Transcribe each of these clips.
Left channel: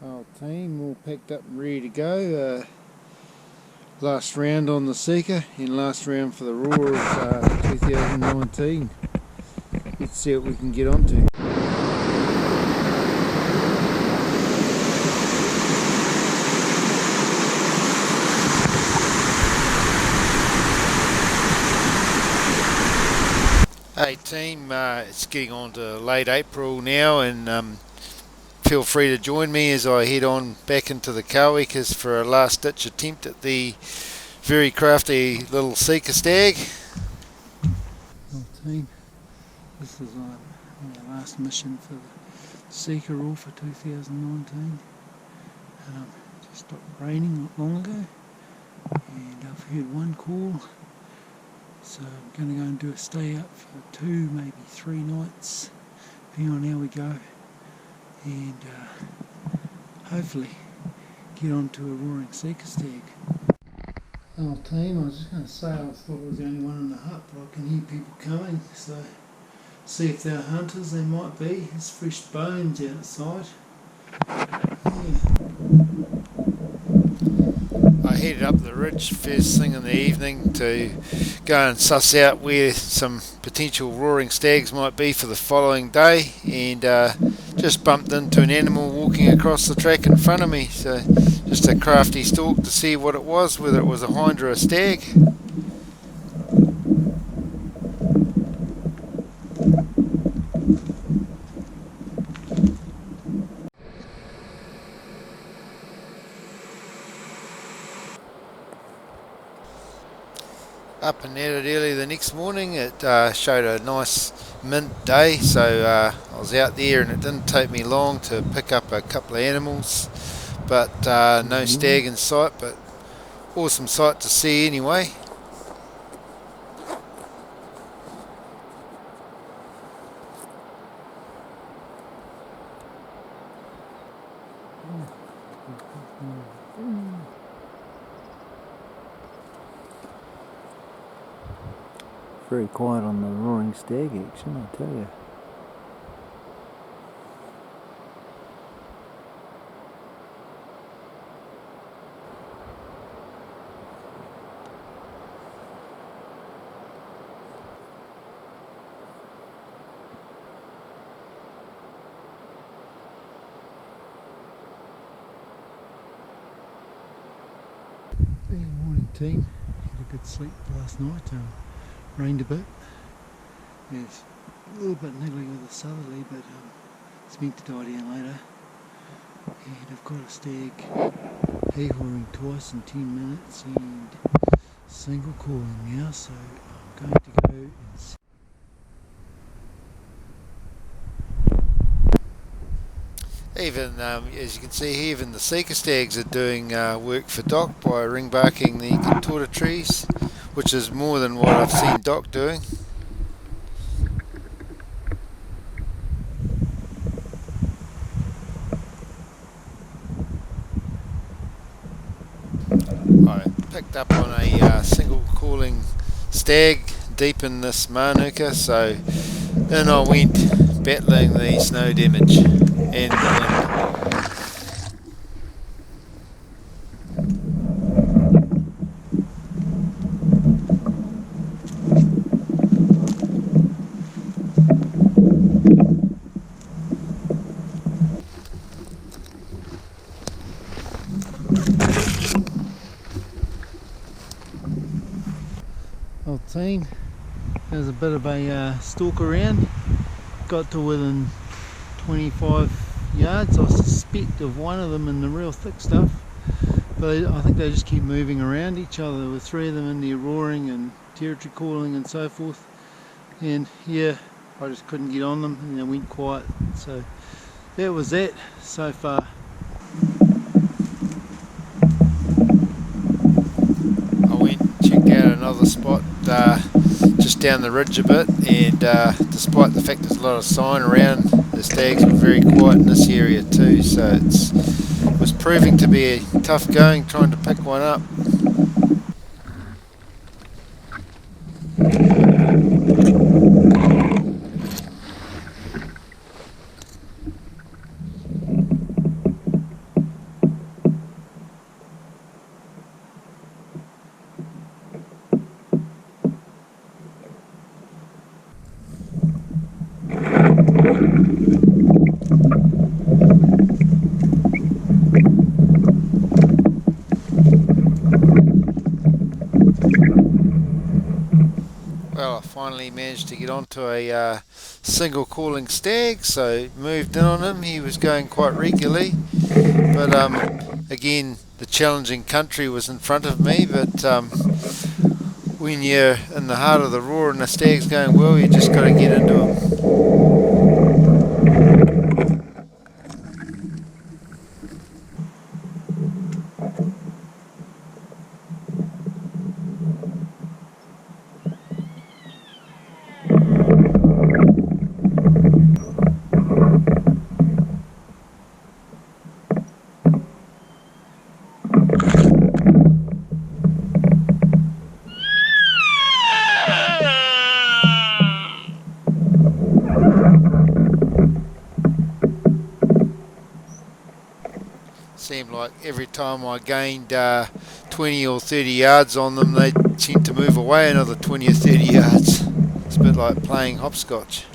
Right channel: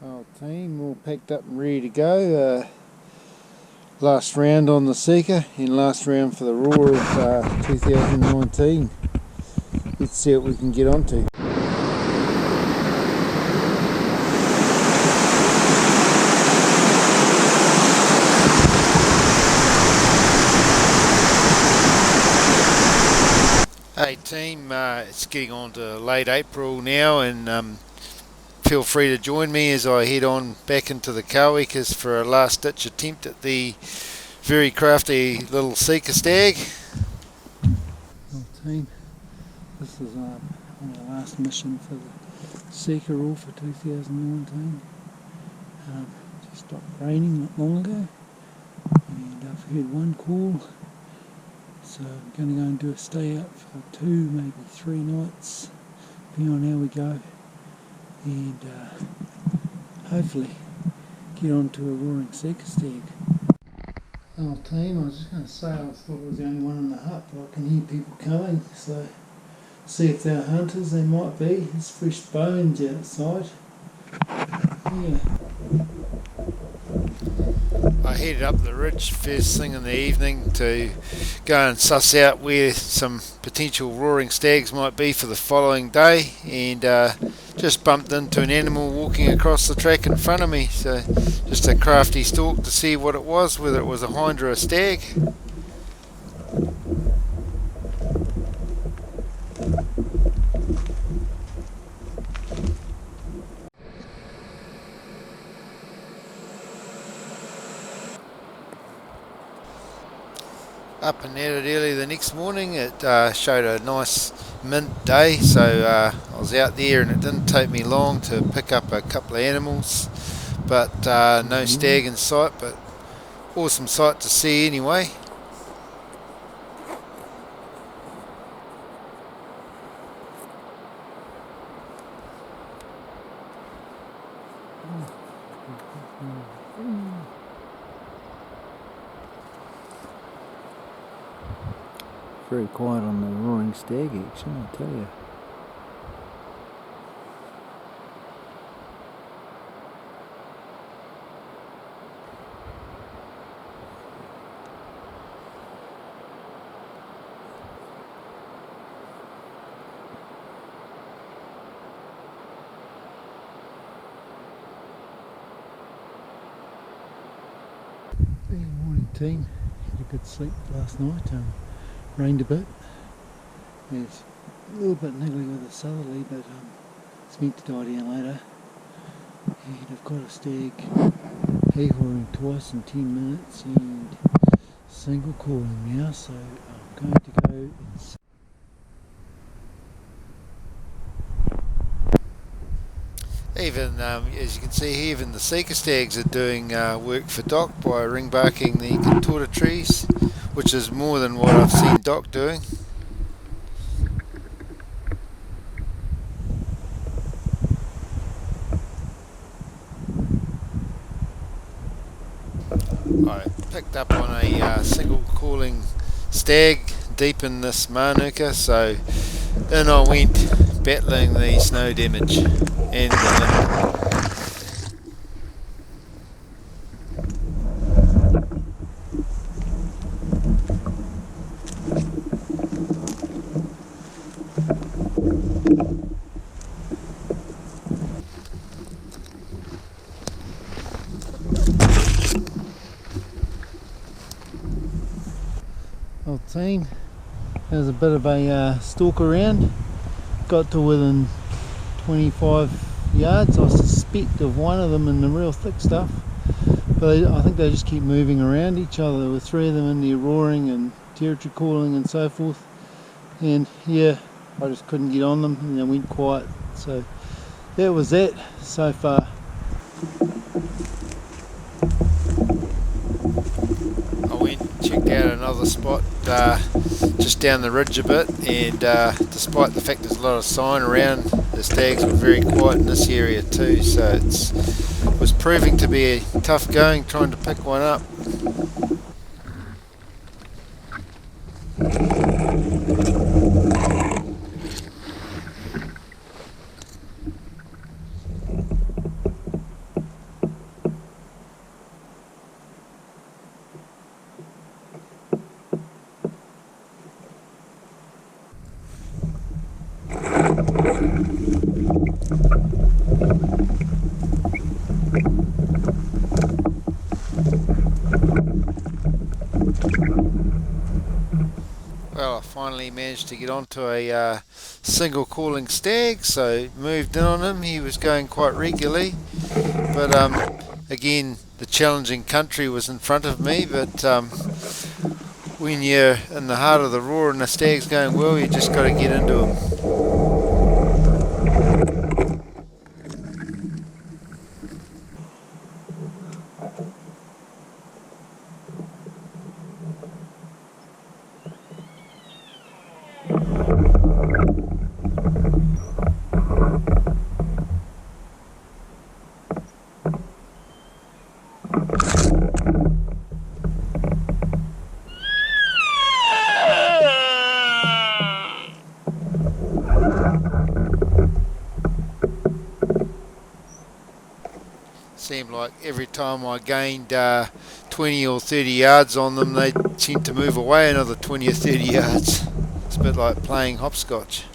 Our team all packed up and ready to go. Last round on the Sika and last round for the Roar of 2019. Let's see what we can get onto. Hey team, it's getting on to late April now, and feel free to join me as I head on back into the Kawikas for a last ditch attempt at the very crafty little Sika stag. Well team, this is our last mission for the Sika Roar for 2019. Just stopped raining not long ago, and I've heard one call. So I'm going to go and do a stay out for 2, maybe 3 nights, depending on how we go, and hopefully get onto a roaring Sika stag. Oh team, I was just going to say, I thought I was the only one in the hut, but I can hear people coming, so see if they're hunters. They might be. There's fresh bones outside. Yeah. I headed up the ridge first thing in the evening to go and suss out where some potential roaring stags might be for the following day, and just bumped into an animal walking across the track in front of me, so just a crafty stalk to see what it was, whether it was a hind or a stag. Up and at it early the next morning. It showed a nice mint day, so I was out there, and it didn't take me long to pick up a couple of animals, but no stag in sight, but awesome sight to see anyway. Very quiet on the roaring stag action, I tell you. Good morning team, had a good sleep last night. Rained a bit. It's a little bit niggly with the southerly, but it's meant to die down later. And I've got a stag he-hawing twice in 10 minutes and single calling now, so I'm going to go and see. Even, as you can see here, even the Sika stags are doing work for Doc by ring barking the contorta trees, which is more than what I've seen Doc doing. I picked up on a single calling stag deep in this manuka, so then I went battling the snow damage and the wind. Well team, there's a bit of a stalk around, got to within 25 yards, I suspect, of one of them in the real thick stuff, but I think they just keep moving around each other. There were 3 of them in there roaring and territory calling and so forth, and yeah, I just couldn't get on them and they went quiet, so that was that so far. I went and checked out another spot just down the ridge a bit, and despite the fact there's a lot of sign around, the stags were very quiet in this area too, so it was proving to be a tough going trying to pick one up. finally managed to get onto a single calling stag, so moved in on him. He was going quite regularly, but again, the challenging country was in front of me, but when you're in the heart of the roar and the stag's going well, you just got to get into him. Seemed like every time I gained 20 or 30 yards on them, they seemed to move away another 20 or 30 yards. It's a bit like playing hopscotch.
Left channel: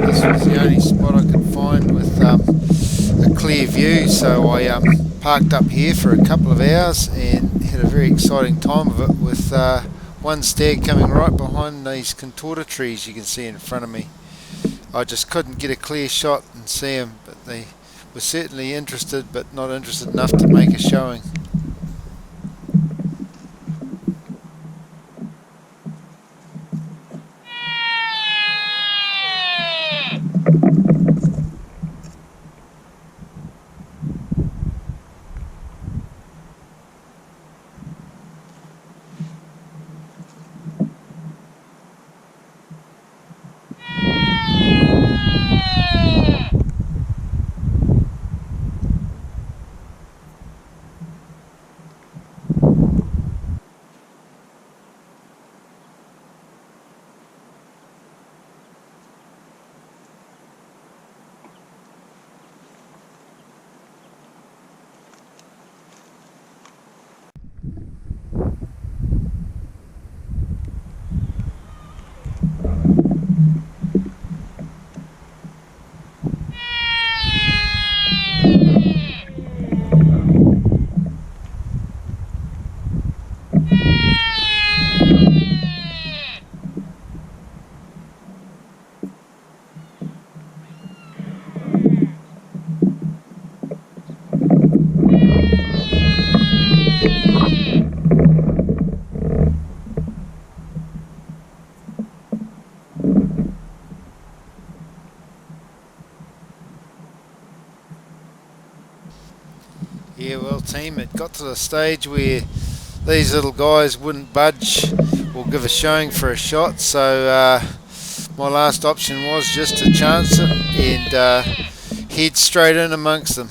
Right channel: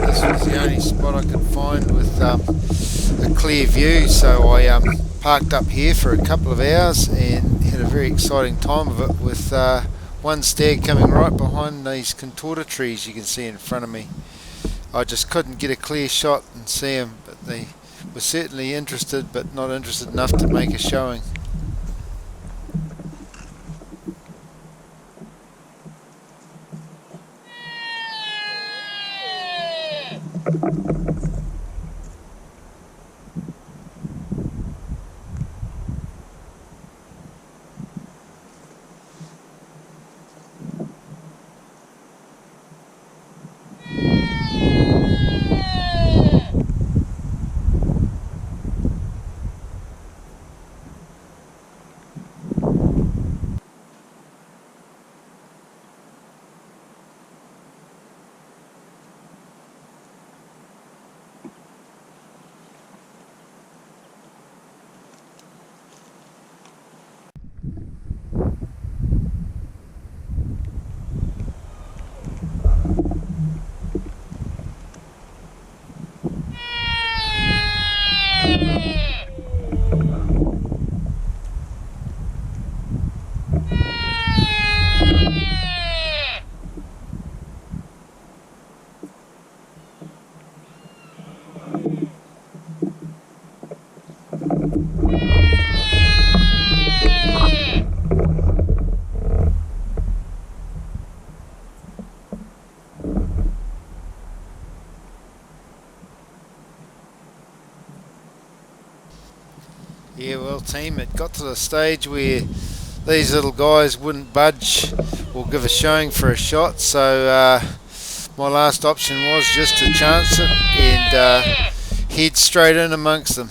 This was the only spot I could find with a clear view, so I parked up here for a couple of hours and had a very exciting time of it with one stag coming right behind these contorta trees you can see in front of me. I just couldn't get a clear shot and see them, but they were certainly interested, but not interested enough to make a showing. Yeah, well team, it got to the stage where these little guys wouldn't budge or give a showing for a shot, so my last option was just to chance it and head straight in amongst them.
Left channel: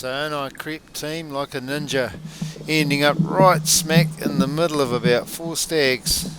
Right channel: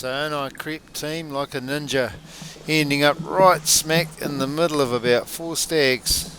So in I crept, team, like a ninja, ending up right smack in the middle of about 4 stags.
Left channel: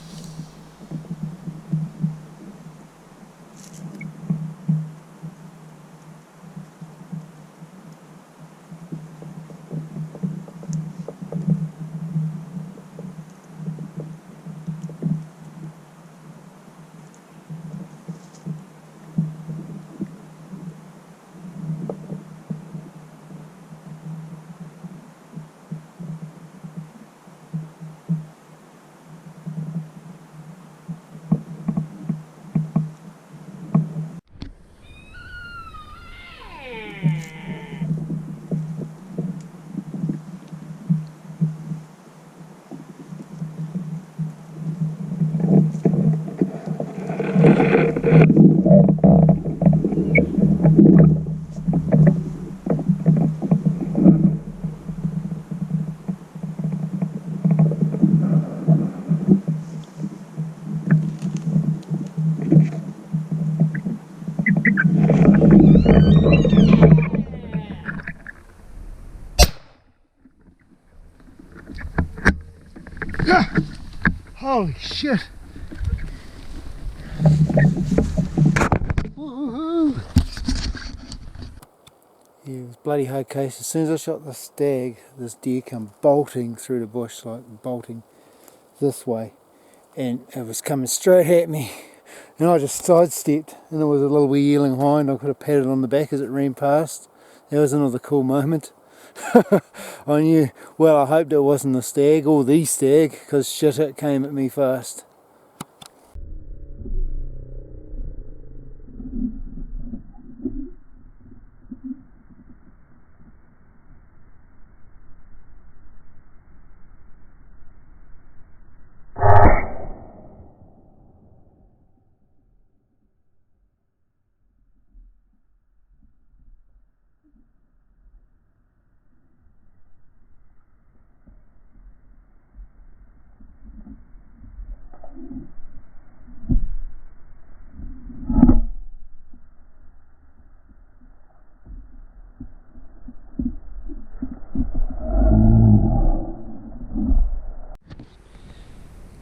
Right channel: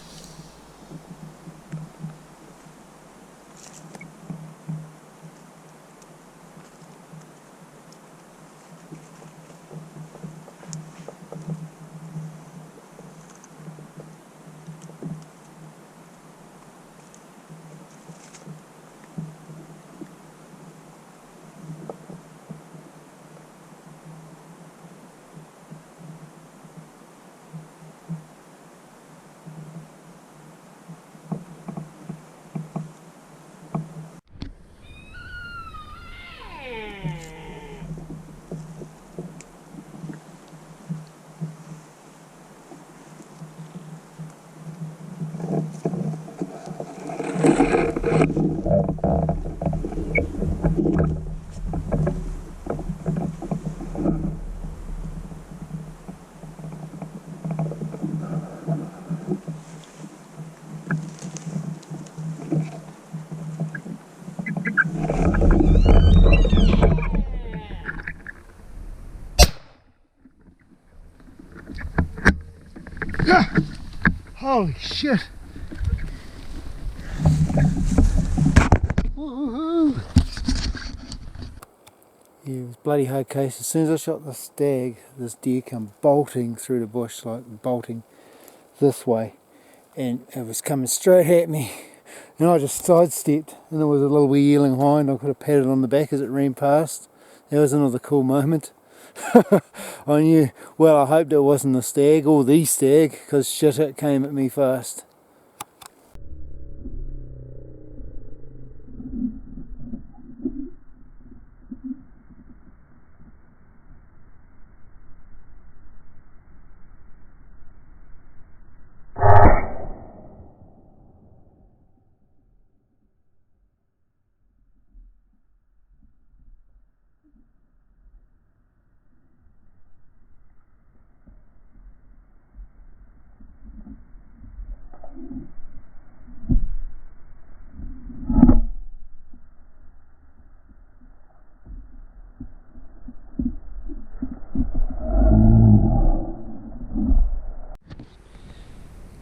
Holy shit! Woohoo! Yeah, it was bloody hard case. As soon as I shot the stag, this deer come bolting through the bush, like bolting this way, and it was coming straight at me. And I just sidestepped, and there was a little wee yearling hind. I could have patted on the back as it ran past. That was another cool moment. I knew, well, I hoped it wasn't the stag or the stag, because shit, it came at me fast.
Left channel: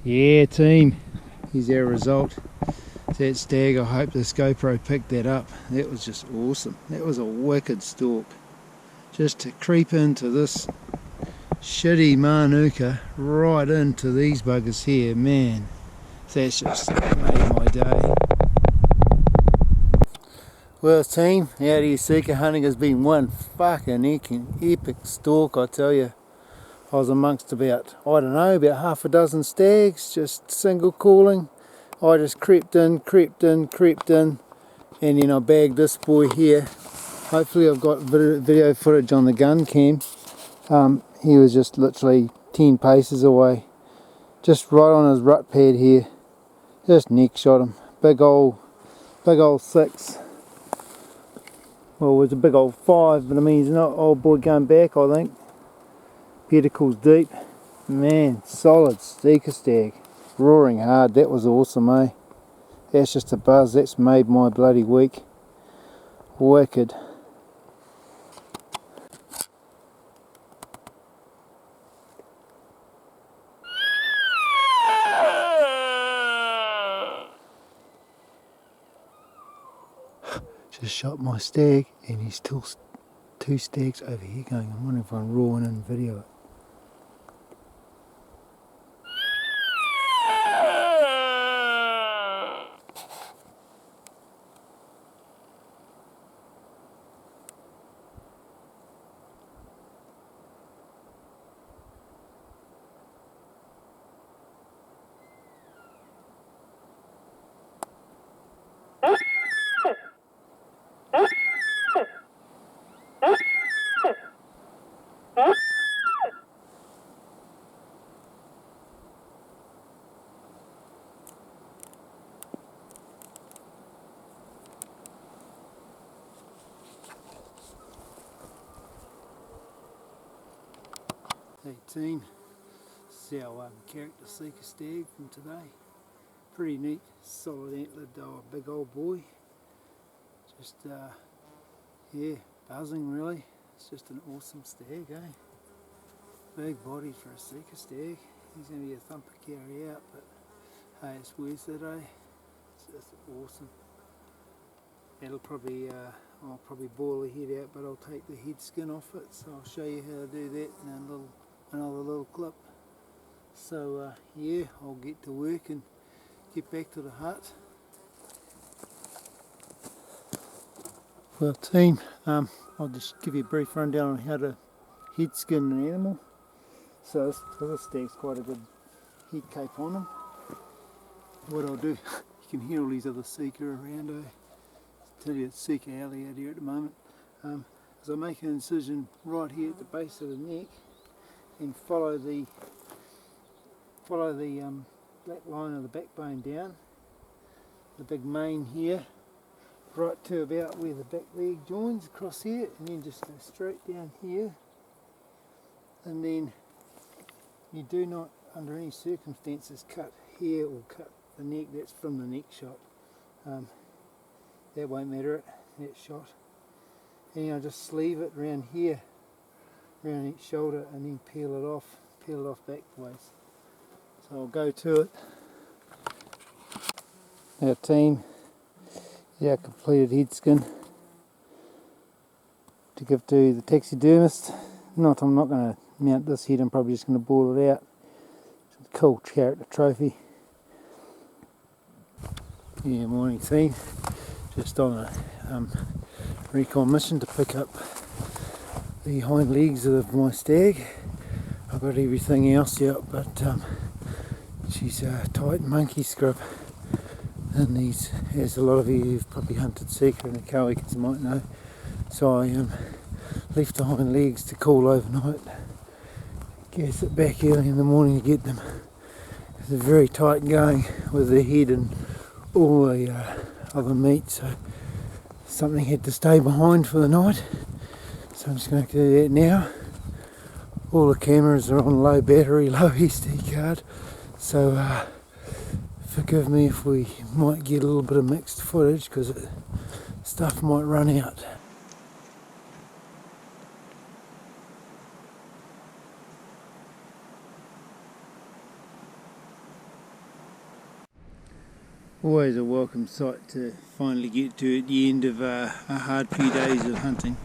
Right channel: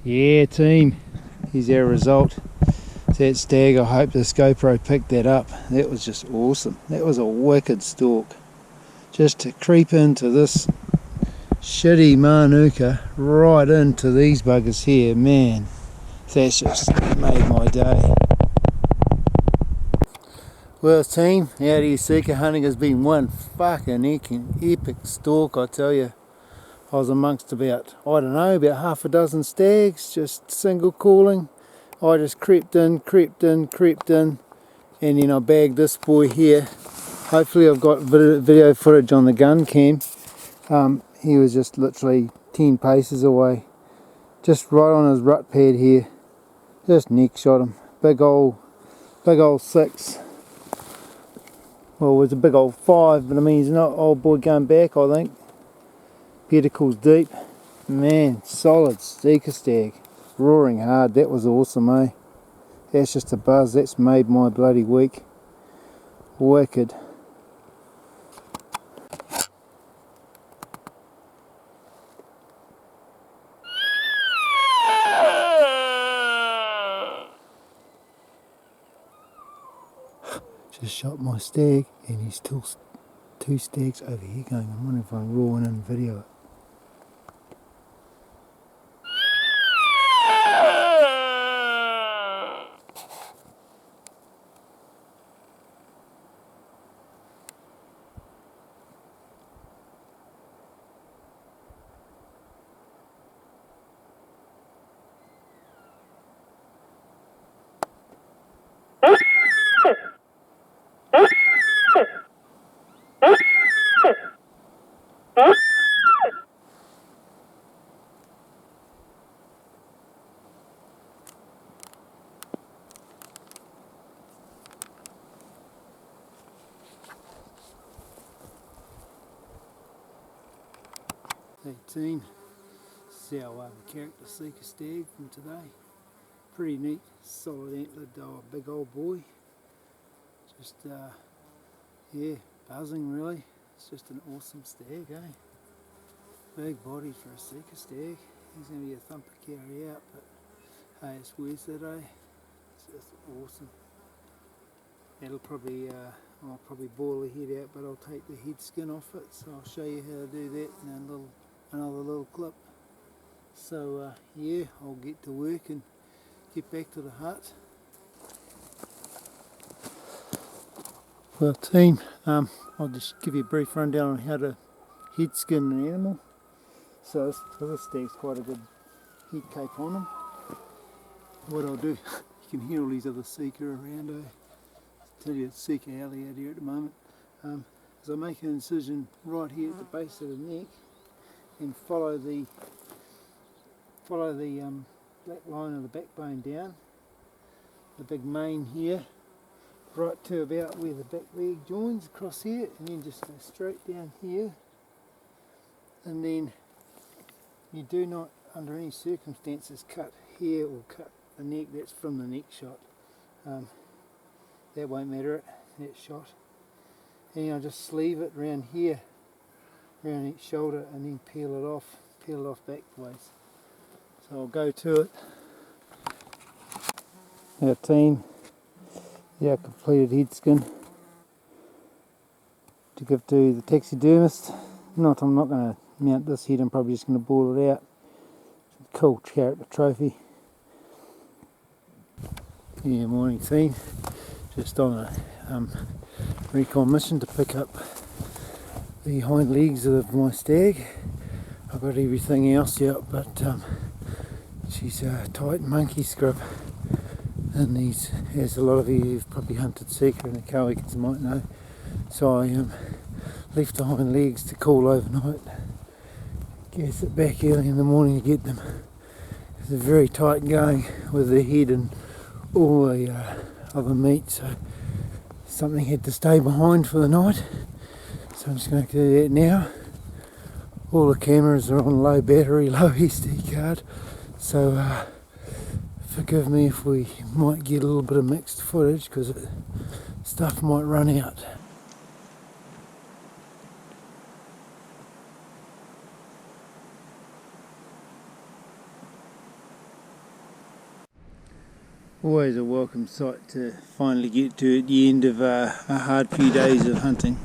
Yeah, team, here's our result. That stag, I hope this GoPro picked that up. That was just awesome. That was a wicked stalk. Just to creep into this shitty manuka right into these buggers here, man, that's just made my day. Well, team, out here Sika hunting has been one fucking epic stalk, I tell you. I was amongst about, I don't know, about half a dozen stags, just single calling. I just crept in, and then I bagged this boy here. Hopefully I've got video footage on the gun cam. He was just literally 10 paces away, just right on his rut pad here. Just neck shot him. Big old 6. Well, it was a big old 5, but I mean, he's not old boy going back, I think. Pedicles deep. Man, solid Sika stag. Roaring hard. That was awesome, eh? That's just a buzz. That's made my bloody week. Wicked. Just shot my stag, and he's still 2 stags over here going. I'm wondering if I'm rawing in video it. Hey team, this is our character Sika stag from today. Pretty neat, solid antlered big old boy. Just yeah, buzzing really. It's just an awesome stag, eh? Big body for a Sika stag. He's going to be a thumper carry out, but hey, it's worth it, eh? It's just awesome. It'll probably, I'll probably boil the head out, but I'll take the head skin off it, so I'll show you how to do that in another little clip. So yeah, I'll get to work and get back to the hut. Well team, I'll just give you a brief rundown on how to head skin an animal. So this stag's quite a good head cape on him. What I'll do, you can hear all these other Sika around, I tell you it's Sika alley out here at the moment. As I make an incision right here at the base of the neck and follow the black line of the backbone down, the big mane here, right to about where the back leg joins across here, and then just go straight down here. And then you do not under any circumstances cut here or cut the neck. That's from the neck shot. That won't matter, that shot. And I'll just sleeve it around here, around each shoulder, and then peel it off backwards. So I'll go to it. Our team, our completed head skin to give to the taxidermist. I'm not going to mount this head, I'm probably just going to boil it out. It's a cool character trophy. Yeah, morning team. Just on a recon mission to pick up the hind legs of my stag. I've got everything else out, but she's a tight monkey scrub, and these, as a lot of you who've probably hunted Sika and the Kowikans might know, so I left the hind legs to cool overnight, gas it back early in the morning to get them. It's very tight going with the head and all the other meat, so something had to stay behind for the night, so I'm just going to do that now. All the cameras are on low battery, low SD card, so forgive me if we might get a little bit of mixed footage because stuff might run out. Always a welcome sight to finally get to at the end of a hard few days of hunting.